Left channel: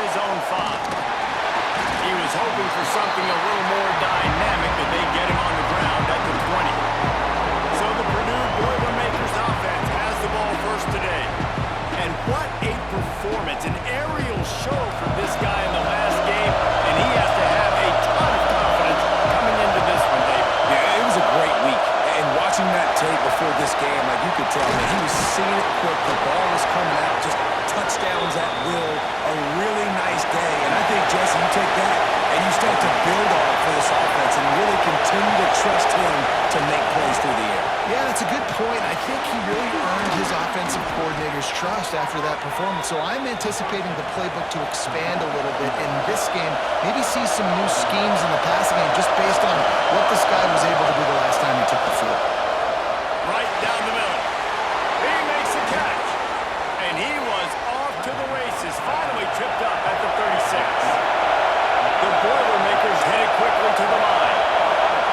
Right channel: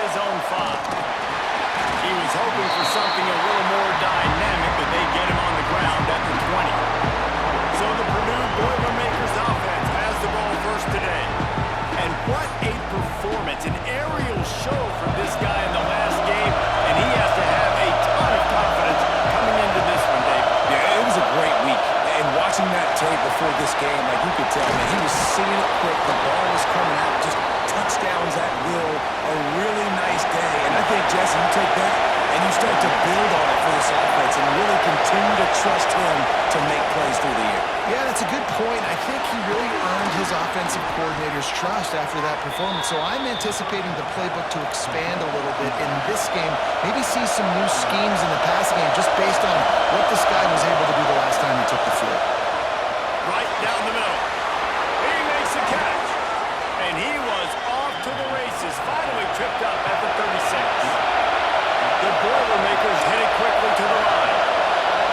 inside his own 5. He was hoping for something a little more dynamic, but they get him on the ground at the 20. So the Purdue Boilermakers offense has the ball first today. And what a performance, an aerial show from this guy in the last game, and he has to have a ton of confidence coming into this one, David. Yeah, it was a great week. And watching that tape before this game, like you could tell, man, he was seeing it quick. The ball was coming out, just touchdowns at will. A really nice day. And I think, Jesse, you take that and you start to build on it for this offense and really continue to trust him to make plays through the air. Yeah, that's a good point. I think he really earned his offensive coordinator's trust after that performance. So I'm anticipating the playbook to expand a little bit in this game. Maybe see some new schemes in the passing game just based on what this guy was able to do the last time he took the field. Right down the middle. He makes the catch. And he was off to the races, finally tripped up at the 36. The Boilermakers hit it quickly to the line.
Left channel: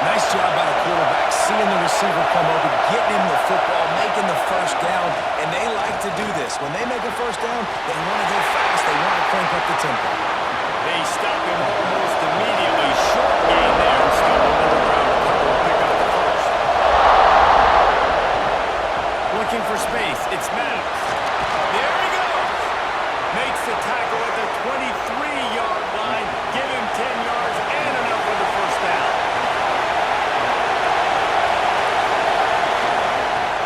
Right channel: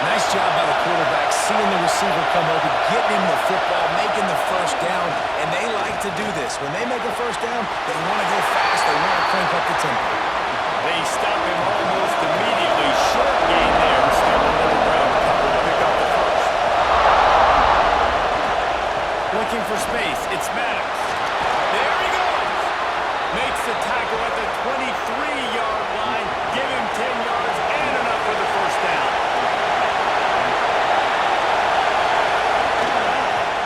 Nice job by the quarterback, seeing the receiver come open, getting him the football, making the first down, and they like to do this. When they make a first down, they want to go fast, they want to crank up the tempo. They stop him almost immediately. Short gain there, and still a little ground to cover to pick up the first. Looking for space, it's Maddox. There he goes. Makes the tackle at the 23-yard line. Give him 10 yards and enough for the first down.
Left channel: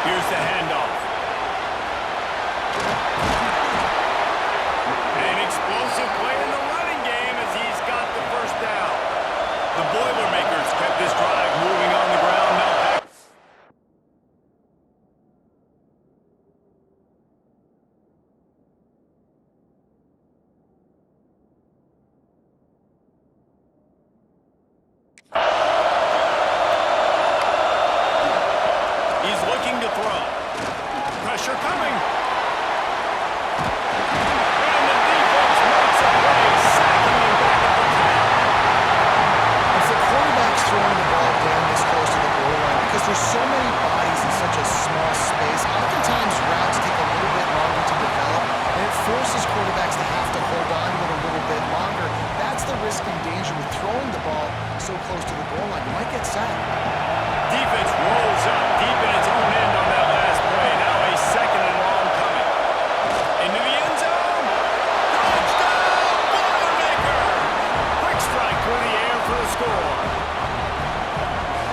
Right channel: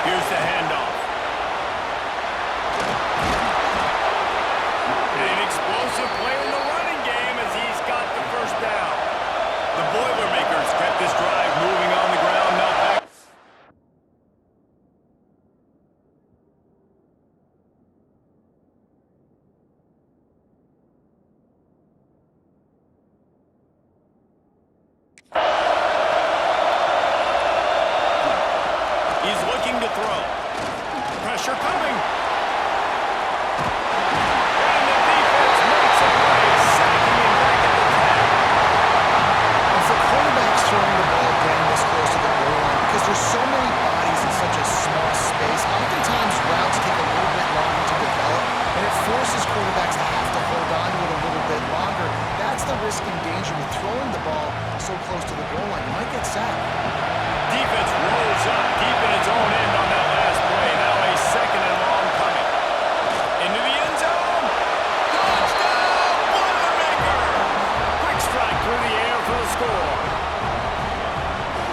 Here's the handoff. An explosive play in the running game as he's got the first down. The Boilermakers kept this drive moving on the ground. Now back. He's looking to throw. Pressure coming. And the defense makes a play, sacking him back at the 10. And for quarterbacks throwing the ball down this close to the goal line, because there's so many bodies in such a small space, oftentimes routes take a little bit longer to develop, and it forces quarterbacks to have to hold on to it a little bit longer. That's the risk and danger with throwing the ball so close to the goal line. You might get sacked. Defense rolls up deep in its own end on that last play. Now a second and long coming. Into the end zone. Touchdown, Boilermakers! Quick strike through the air for the score.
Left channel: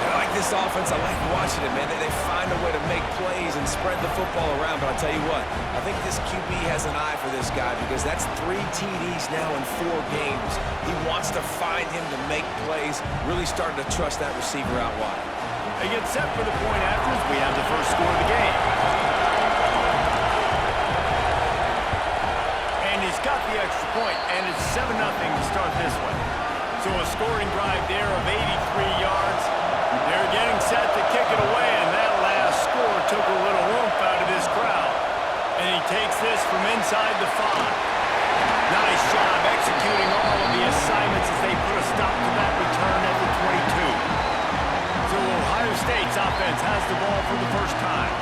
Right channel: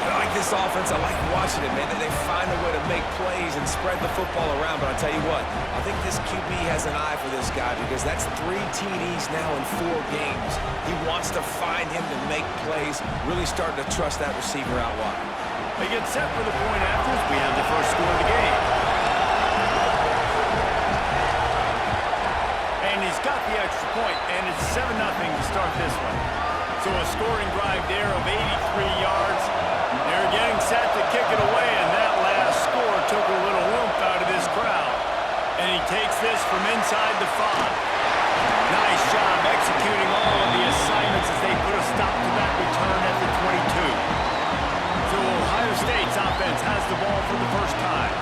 I like this offense. I like watching it, man. They find a way to make plays and spread the football around. But I'll tell you what, I think this QB has an eye for this guy because that's 3 TDs now in 4 games. He wants to find him to make plays, really starting to trust that receiver out wide. They get set for the point after as we have the first score of the game. And he's got the extra point, and it's 7-0 to start this one. So a scoring drive there of 83 yards. They're getting set to kick it away, and that last score took a little oomph out of this crowd. And he takes this from inside the 5. Nice job executing all of the assignments as they put a stop to that return at the 22. So Ohio State's offense has the ball for the first time.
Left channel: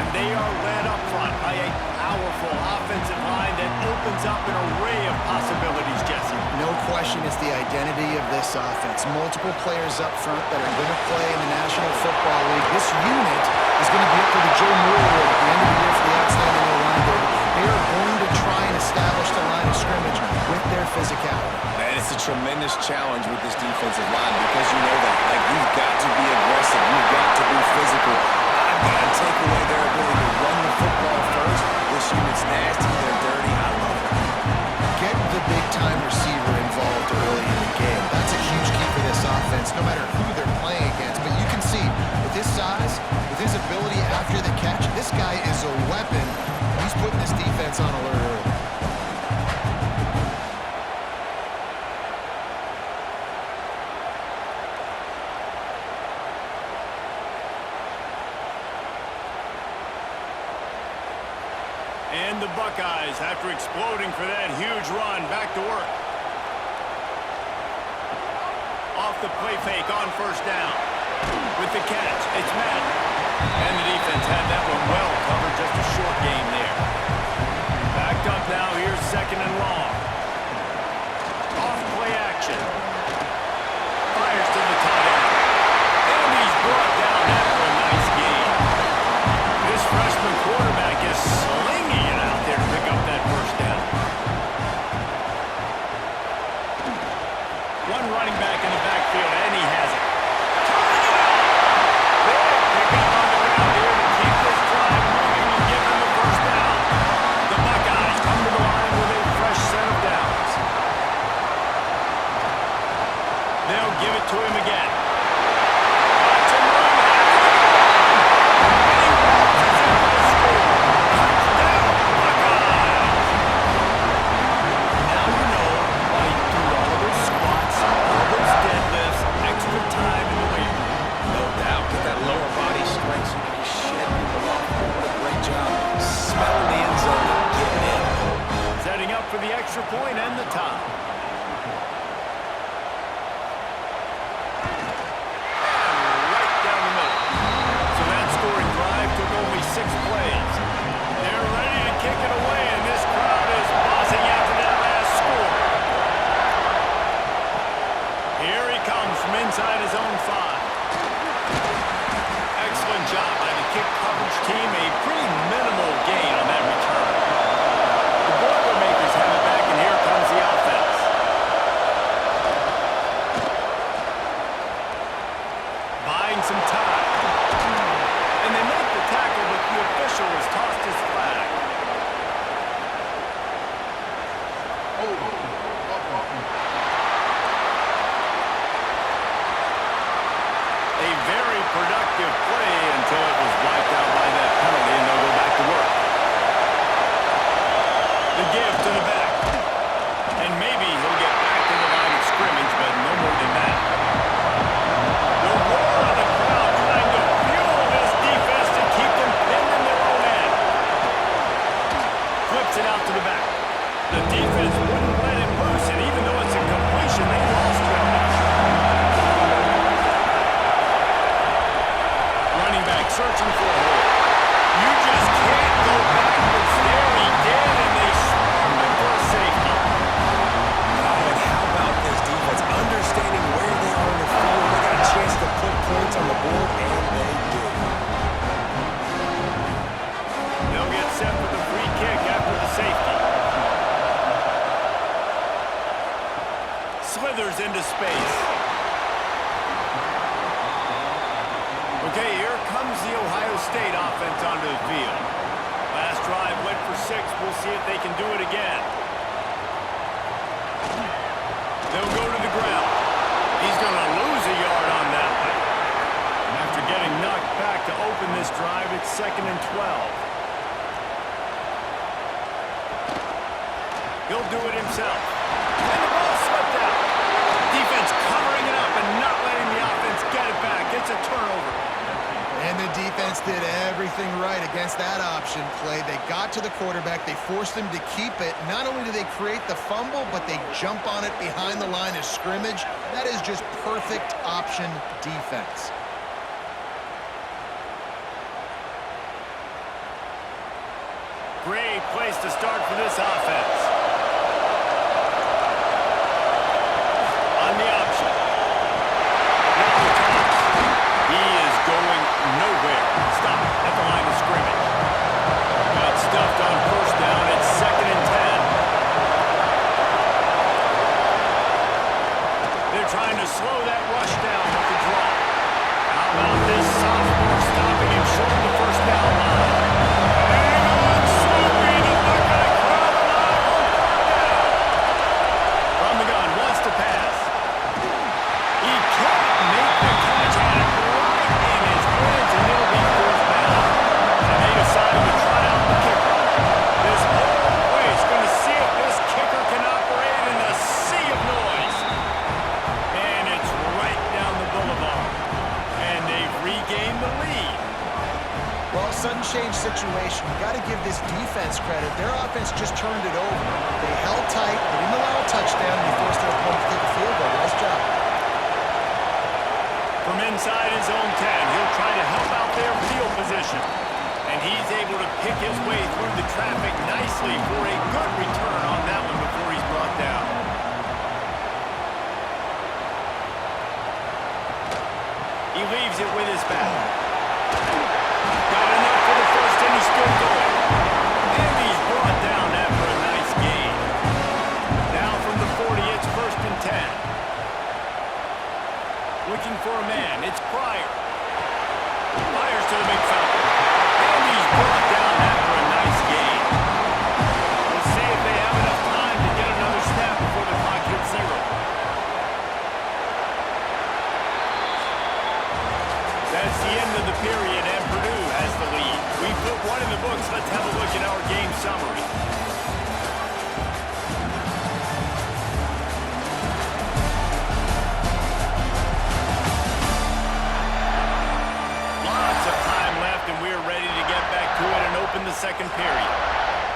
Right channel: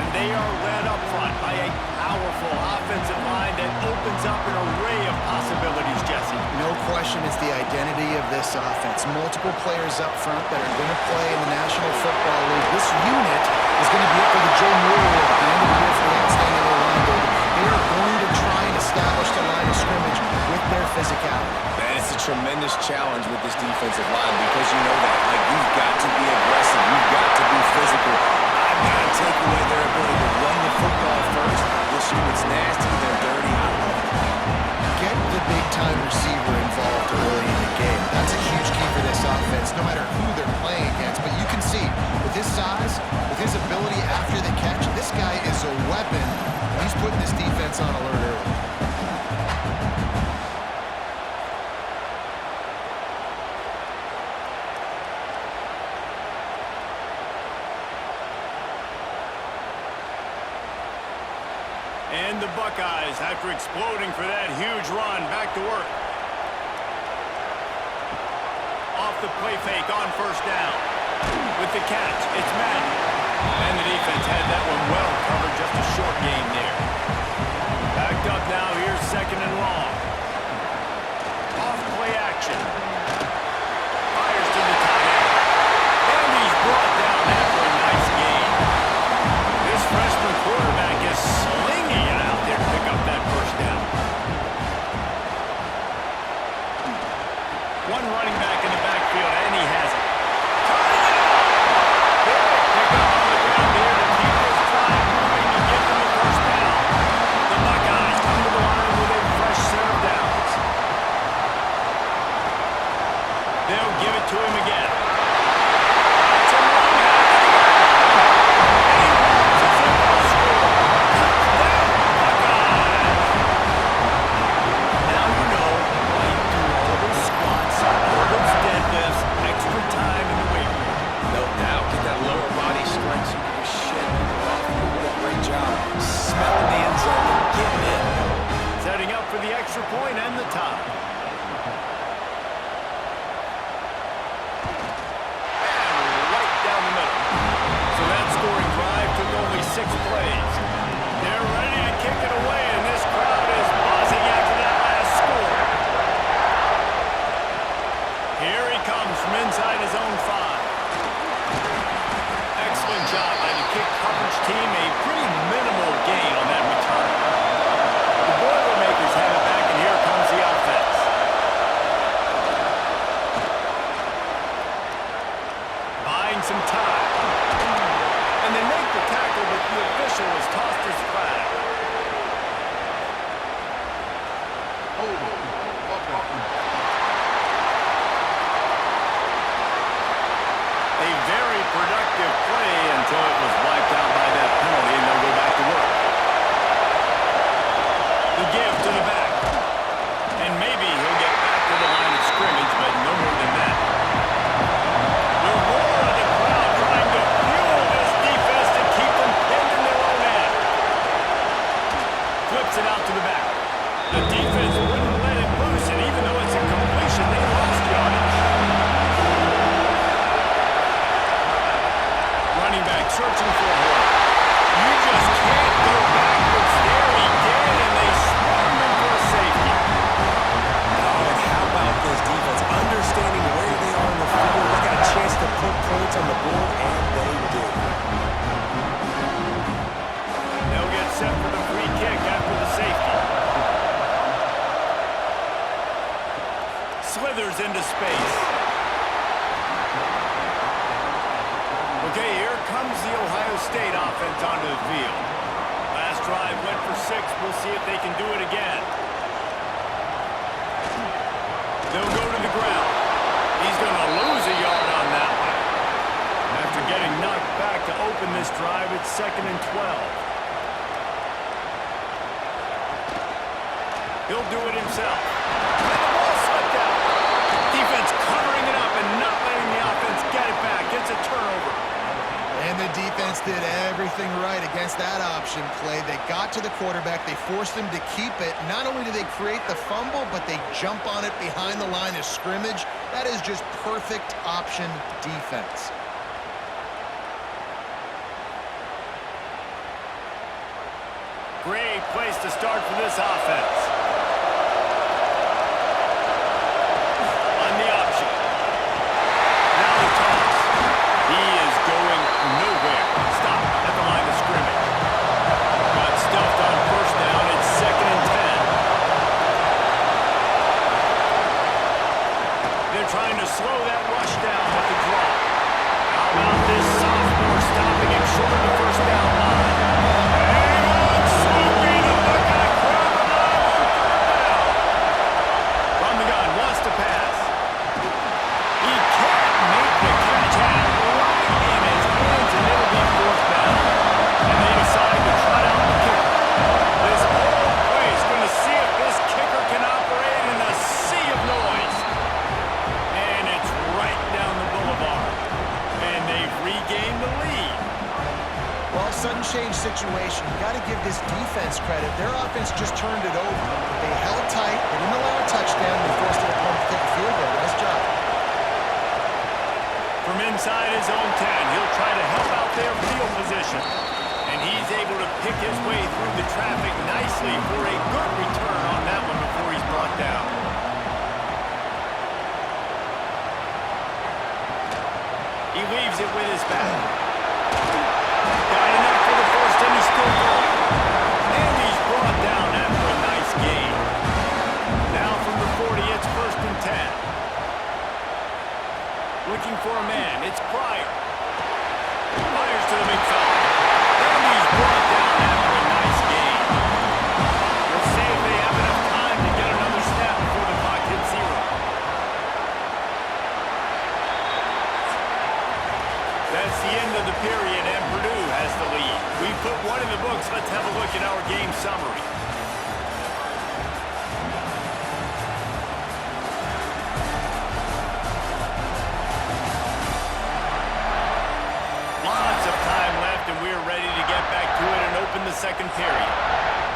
And they are led up front by a powerful offensive line that opens up an array of possibilities, Jesse. No question it's the identity of this offense. Multiple players up front that are going to play in the National Football League. This unit is going to be up for the Joe Moore Award at the end of the year for the outstanding O-line, David. They are going to try and establish the line of scrimmage with their physicality. Man, it's a tremendous challenge with this defensive line because you know that. Like, you've got to be aggressive. You've got to be physical. I've got to take away their ability to run the football first. This unit's nasty. They're dirty. I love it. Get the big-time receiver involved early in the game. That's a huge key for this offense, no matter who they're playing against. But you can see, with his size, with his ability after the catch, this guy is a weapon, and he's putting this defense on alert early. And the Buckeyes, after exploding for that huge run, back to work. Off the play fake on first down. With the catch, it's Madden. And the defense had that one well covered, just a short game there. Backed up now, here's second and long. off play action. Fires to the tight end. And he's brought down after a nice gain. This freshman quarterback is slinging it out there to pick up that first down. One running back in the backfield, and he has it. Turning it out! Big pickup on the ground here to keep this drive moving and give them the first down. The Buckeyes come to the line with a fresh set of downs. They'll give it to him again. Got some room, had to the line. And he waltzes in for the score. Touchdown, Buckeyes! Now you know why you do all of those squats, all those deadlifts, extra time in the weight room. No doubt. Get that lower body strength so you can just shed people off here. What a great job smelling the end zone and getting in. Setting up for the extra point and the tie. And right down the middle. So that scoring drive took only 6 plays. They're ready to kick it away, and this crowd is buzzing after that last score. Here he comes from inside his own 5. Excellent job by the kick coverage team. A pretty minimal gain on that return. The Boilermakers have it back, and here comes the offense. Buying some time. And they make the tackle, but the official has tossed his flag. A very productive play until it was wiped out by that penalty, and they'll go back to work. The give to the back. And maybe he'll get back to the line of scrimmage, but no more than that. The roar of the crowd trying to fuel this defense to keep them pinned in their own end. Flips it out to the back. The defense wouldn't let him loose, and even though it's a completion, they lost yardage. Running back searching for a hole. You just can't go backwards there. He did, and they swarmed him for a safety. Oh, and how about this defense? Understanding where they are in the field. They got a chance to put points on the board, and they do. They'll get set for the free kick after the safety. Slithers into space. Okay, here comes the Ohio State offense onto the field. Last drive went for 6. We'll see if they can do it again. They'll go to the ground. He's going to lose a yard on that one. After getting knocked back to open this drive, it's 2nd and 12. He'll do it himself. And the ball slipped out. Defense covering it up and not letting the offense get it back. Gets a turnover. And the defense did everything right against that option play. They got to the quarterback. They forced him to keep it. Not only do they create the fumble, but they jump on it behind the line of scrimmage. That is just perfect option defense. Great place to start for this offense. On the option. Now the toss. He is going nowhere. Stop at the line of scrimmage. Got stuffed on first down. It's 2nd and 10. They're trying to slow that rush down with the draw. How about this sophomore stopping him short of the first down line? Hang on, Sloopy. The Buckeye crowd alive on 3rd down. From the gun, wants to pass. He can't make the catch. Had it right in his hands, and it'll be 4th down. And they decide to trot out the kicker. This whole place going to see if this kicker can operate in a sea of noise. And it's right down the boulevard. And they've regained the lead. Well, sudden change situation. You got to give this defense credit. Their offense just turned it over. They held tight. They didn't allow a touchdown. They forced their opponent to take a field goal. Nice job. From inside his own 10, he'll try to help out their field position. And he's able to pick his way through the traffic nicely for a good return on that one before he's brought down. He leaves it with his back. Got enough for the first, and he's still going. And he's brought down after a nice gain. Now from the 40, it's 1st and 10. Looking for a man. It's Pryor. Fires to the big fella. And he's brought down after a nice gain. We'll see if they have enough time to get another snap before the clock hits 0. That's the end of the period, and Purdue has the lead. We put one in the books. Let's have a look at our game summary. Lots of time left, and we're ready to get back to it and open the second period.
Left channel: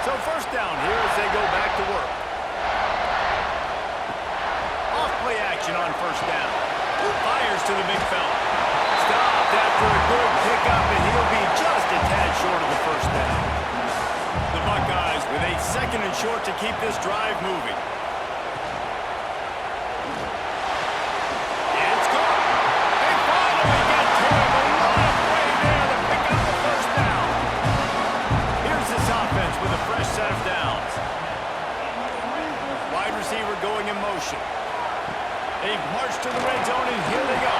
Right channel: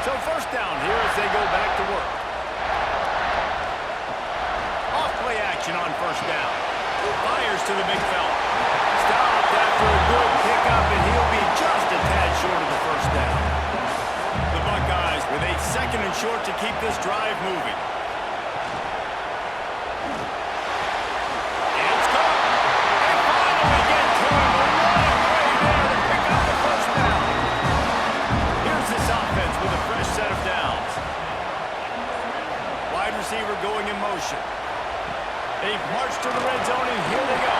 So first down here as they go back to work. Off-play action on first down. Fires to the big fella. Stopped after a good pickup, and he'll be just a tad short of the first down. The Buckeyes with a 2nd and short to keep this drive moving. It's caught. They finally get to him, but what a play there to pick up the first down. Here's this offense with a fresh set of downs. Wide receiver going in motion. They've marched to the red zone, and here they go.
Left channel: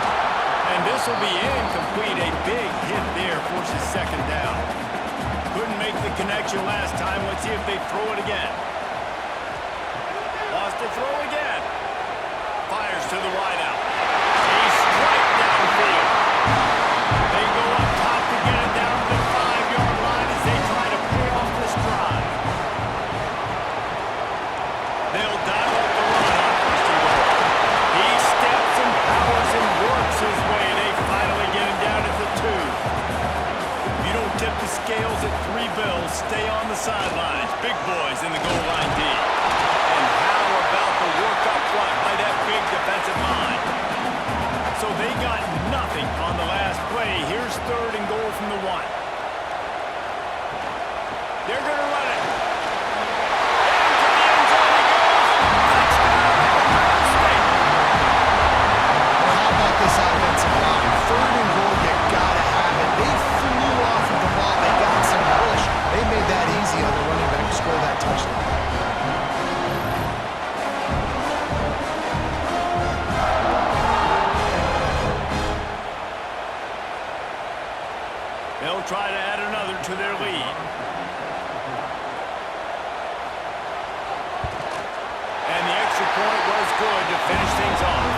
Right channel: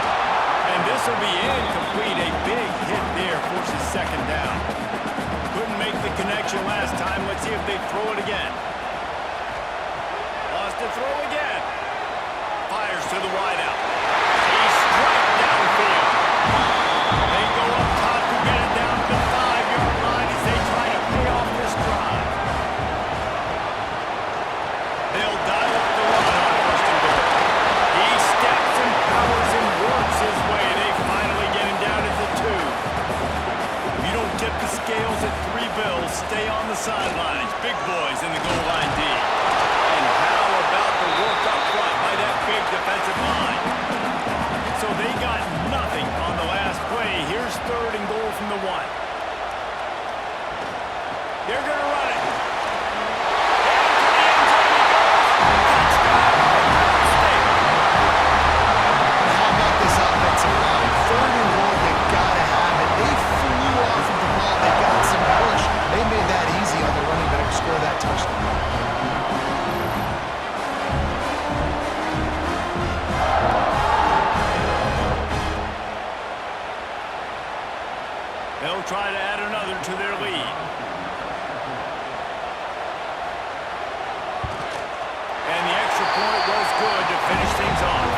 And this will be incomplete. A big hit there forces 2nd down. Couldn't make the connection last time. Let's see if they throw it again. Lost to throw again. Fires to the wideout. A strike downfield. They go up top to get it down to the 5-yard line as they try to pay off this drive. They'll dial up the run on 1st and goal. He steps and powers and works his way. They finally get him down at the 2. If you don't tip the scales at 3 bills, stay on the sidelines. Big boys in the goal line D. And how about the work up front by that big defensive line? So they got nothing on the last play. Here's 3rd and goal from the 1. They're going to run it. Into the end zone he goes. Touchdown, Ohio State. How about this offensive line? 3rd and goal, you gotta have it. They flew off of the ball. They got some push. They made that easy on the running back to score that touchdown. They'll try to add another to their lead. And the extra point was good to finish things off.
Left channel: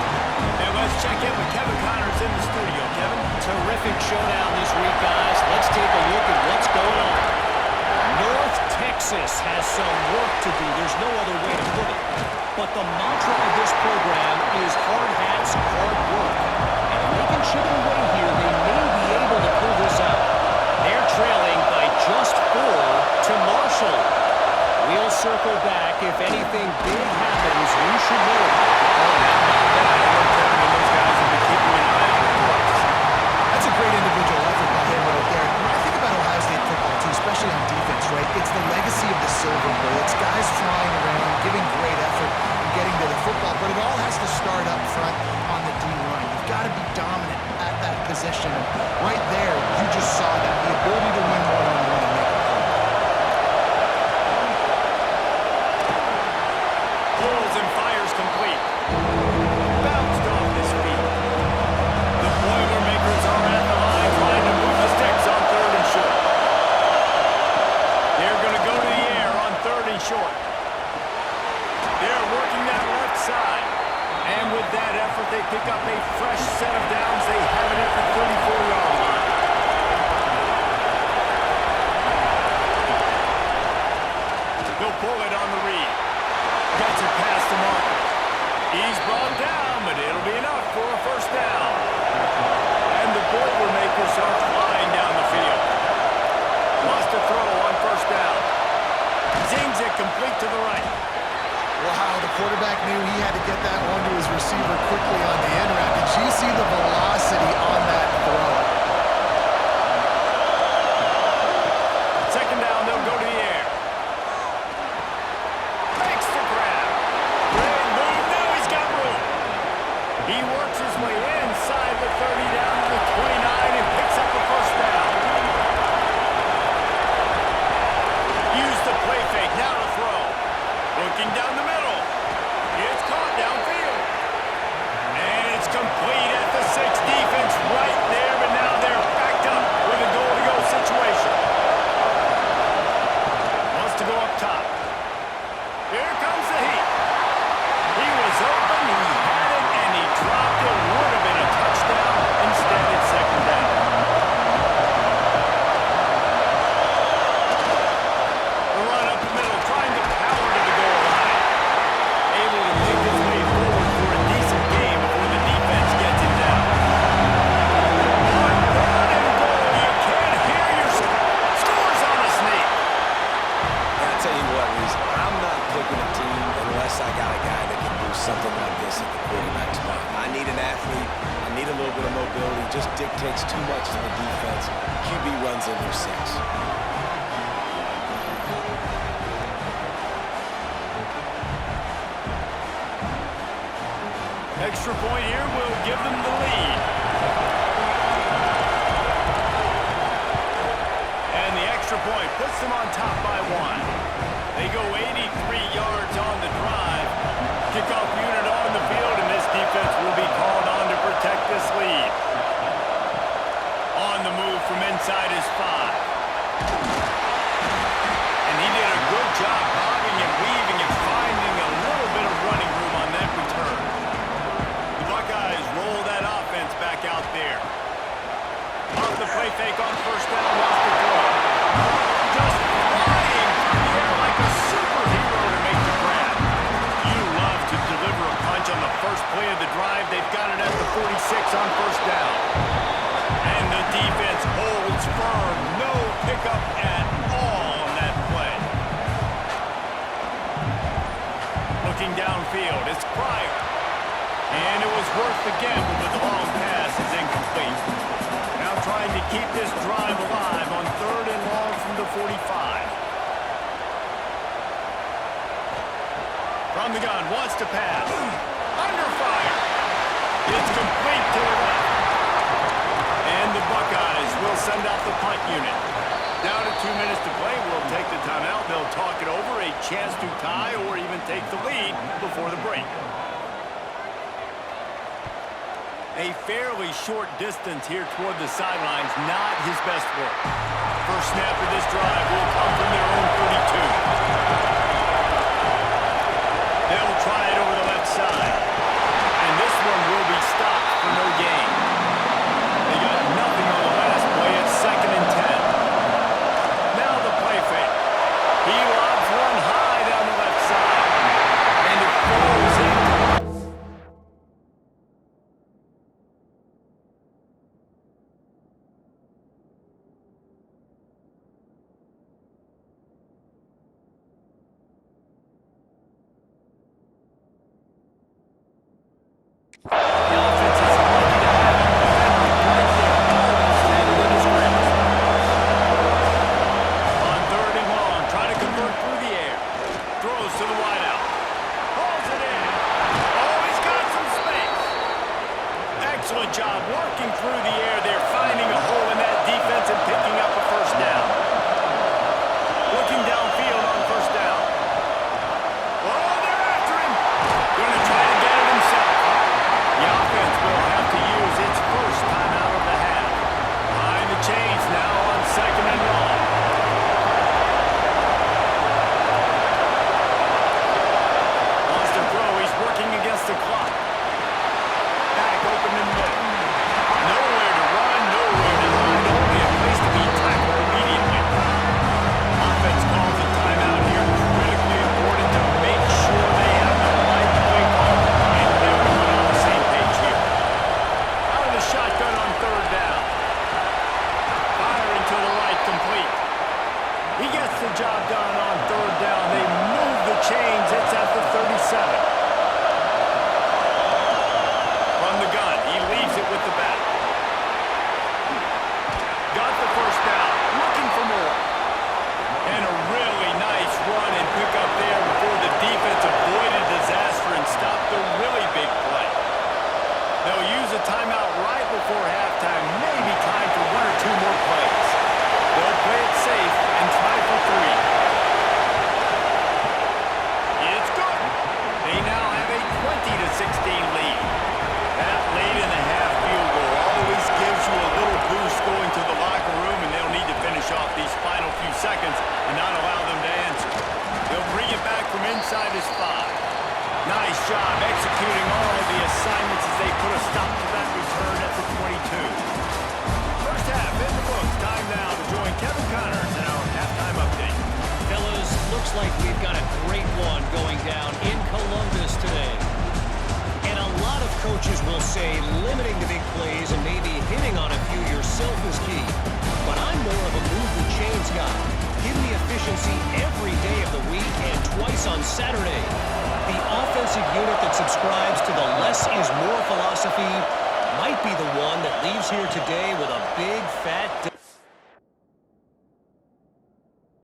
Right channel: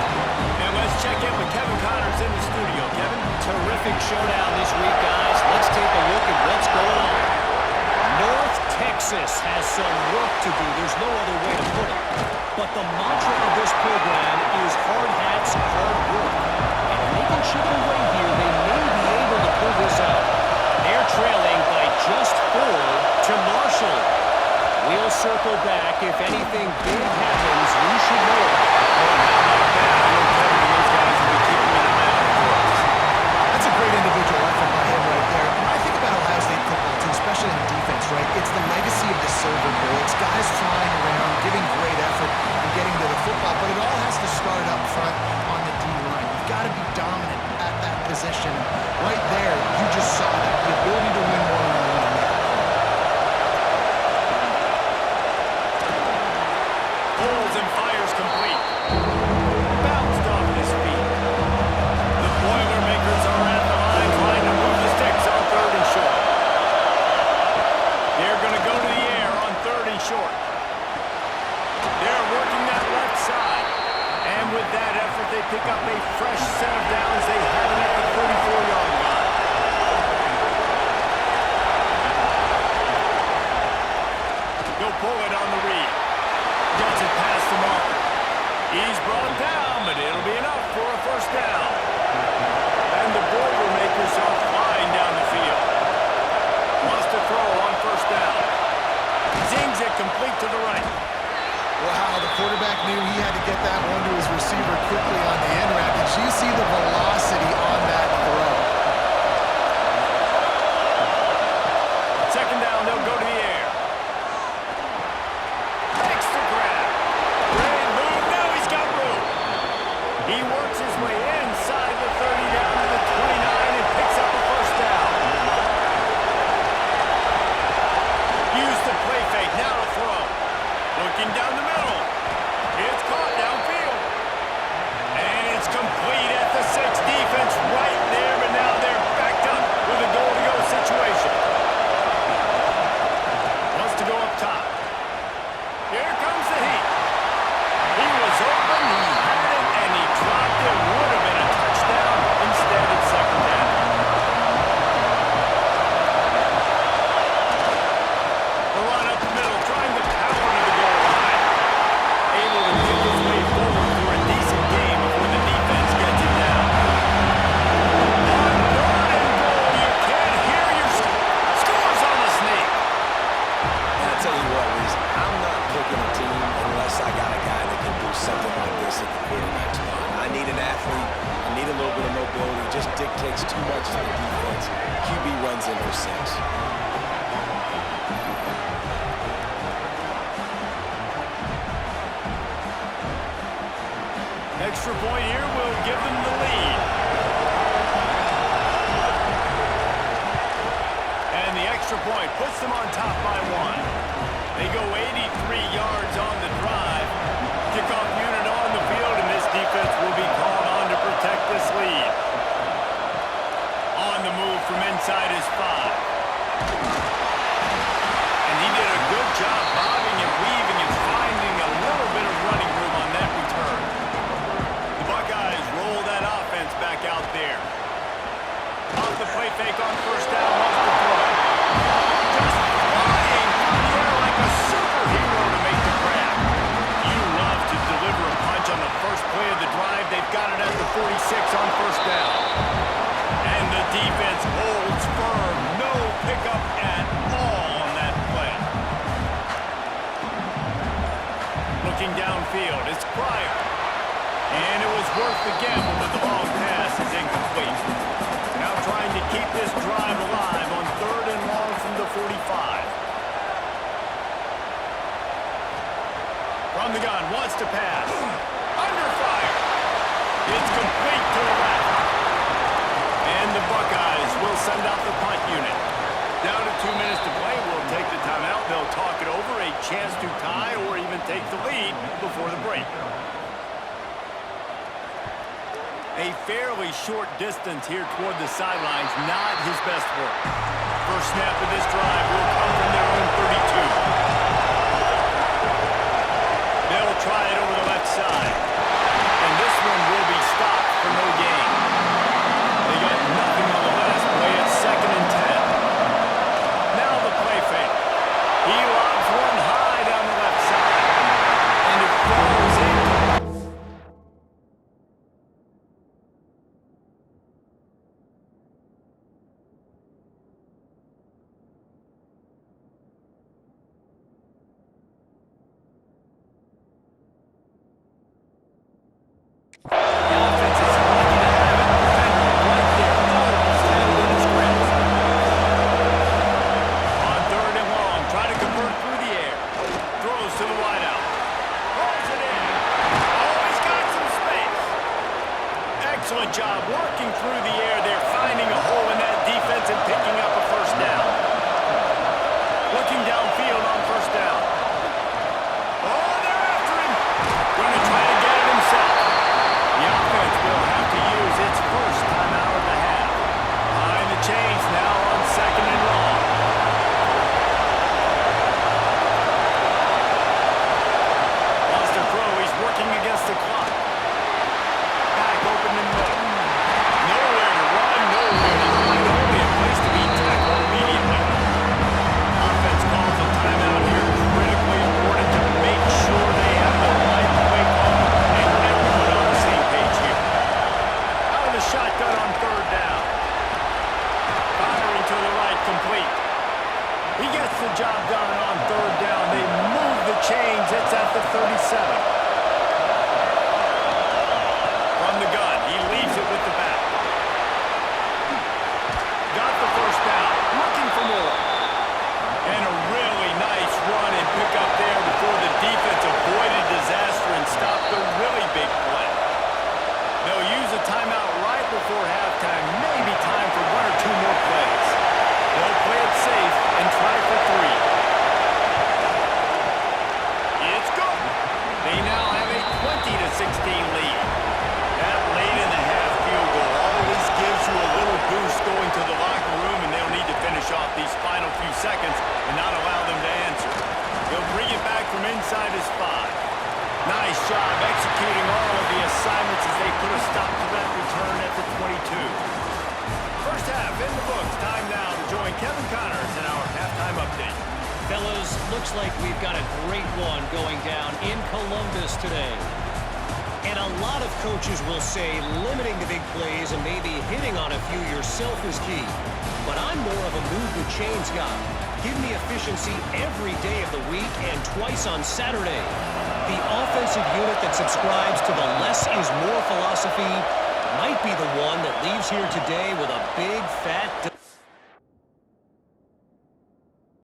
And let's check in with Kevin Connors in the studio. Kevin? Terrific showdown this week, guys. Let's take a look at what's going on. North Texas has some work to do. There's no other way to put it. But the mantra of this program is hard hats, hard work. And if they can chip away here, they may be able to pull this out. They're trailing by just 4 to Marshall. We'll circle back. If anything big happens, you should know about it. Oh, and how about that? I know Kevin and those guys will be keeping an eye on it for us. That's a great individual effort by him right there. When I think about Ohio State football, too, especially on defense, right, it's the legacy of the Silver Bowl. It's guys flying around, giving great effort, and getting to the football. But it all has to start up front on the D-line. You've got to be dominant at that position. And right there, you just saw that. The ability to win one-on-one and make a play. Pulls and fires complete. Bounced off his feet. The Boilermakers are at the line trying to move the sticks on 3rd and short. They're going to go to the air on 3rd and short. They're working that left side. And with that effort, they pick up a fresh set of downs. They have it at the 34-yard line. He'll pull it on the read. Gets it past the marker. He's brought down, but it'll be enough for a first down. And the Boilermakers are flying down the field. Wants to throw on first down. Zings it complete to the right. Wow, the quarterback knew he had to get that one to his receiver quickly on the end route. Did you see the velocity on that throw? 2nd down, they'll go to the air. Makes the grab. Great move. Now he's got room. He works his way inside the 30 down to the responsibility just dictates too much to the defense. QB runs in for 6. Extra point here will give them the lead. And the extra point puts them on top by 1. They go 83 yards on the drive. Kickoff unit on the field, and this defense will be called on to protect this lead. On the move from inside his 5. And he did a good job bobbing and weaving and finding a little bit of running room on that return. The Buckeyes roll that offense back out there. Off the play fake on first down, wants to throw. Just flying through the air like a superhero to make the grab. You love to deliver a punch on the first play of the drive. They've got it at the 46 on first down. And the defense holds firm. No pickup at all on that play. Looking downfield, it's Pryor. And it was worth the gamble, but the long pass is incomplete. Now trying to keep this drive alive on 3rd and long from the 45. From the gun, wants to pass. Under fire. It's complete to the left. And the Buckeyes will send out the punt unit. Down to 2 minutes to play. We'll take the timeout. They'll talk it over. A chance to tie or even take the lead before the break. A fairly short distance here toward the sidelines, not his best work. First snap of this drive will come from their own 32. They'll try it over the left side. And this one will be stopped for no gain. They got nothing on the last play. It's 2nd and 10. Now the play fake. He lobs one high down the left side. And it falls in. The offense is lucky to have it. Defender right there, almost had it in his grasp. On 3rd and long, try to convert through the air. Throws to the wideout. Pulls it in. Oh, he's got some space. Excellent job working through the air there, finding a hole in that defense and picking up a first down. Looking downfield on first down. Oh, they're after him. Going to try to get it himself. The offense will have to use its first timeout of the half. Behind the chains now on 2nd and long. Wants to throw. He's working against the clock. Back open in middle. Nowhere to run, nowhere to hide. Only a place to be tackled immediately. Offense calls a timeout here. Critically important to make sure they have the right play call and everyone on the same page here. Out of the shotgun on 3rd down. Firing to the right, complete. He gets the job done on 3rd down. They move the chains. It's at the 37. From the gun, he leaves it with the back. Got the first down. Looking for more. And a really nice run and pick up there before the defense avoided disaster and stopped the really big play. They'll use a timeout right before halftime. Maybe time for 1 or 2 more plays. They'll play it safe and try for 3. It's good. They now have a 20-16 lead. That late in the half field goal always gives you a little boost going to the locker room, and they'll need to finish off these final few seconds and not allow them to answer. They'll bring it back from inside his 5. Nice job executing all of the assignments as they put a stop to that return at the 22. First half in the books. Time now to join Kevin Connors in our halftime update. Fellas, looks like we've got a great one going down in Columbus today. And a lot of coaches will say limiting the big plays and maybe hitting on a few yourself is key. But I'm more of a move the chains guy. Give me efficiency every day of the week and twice on Saturday. The offensive unit that subscribes to the less is more philosophy might be the one that leaves here today with a big, fat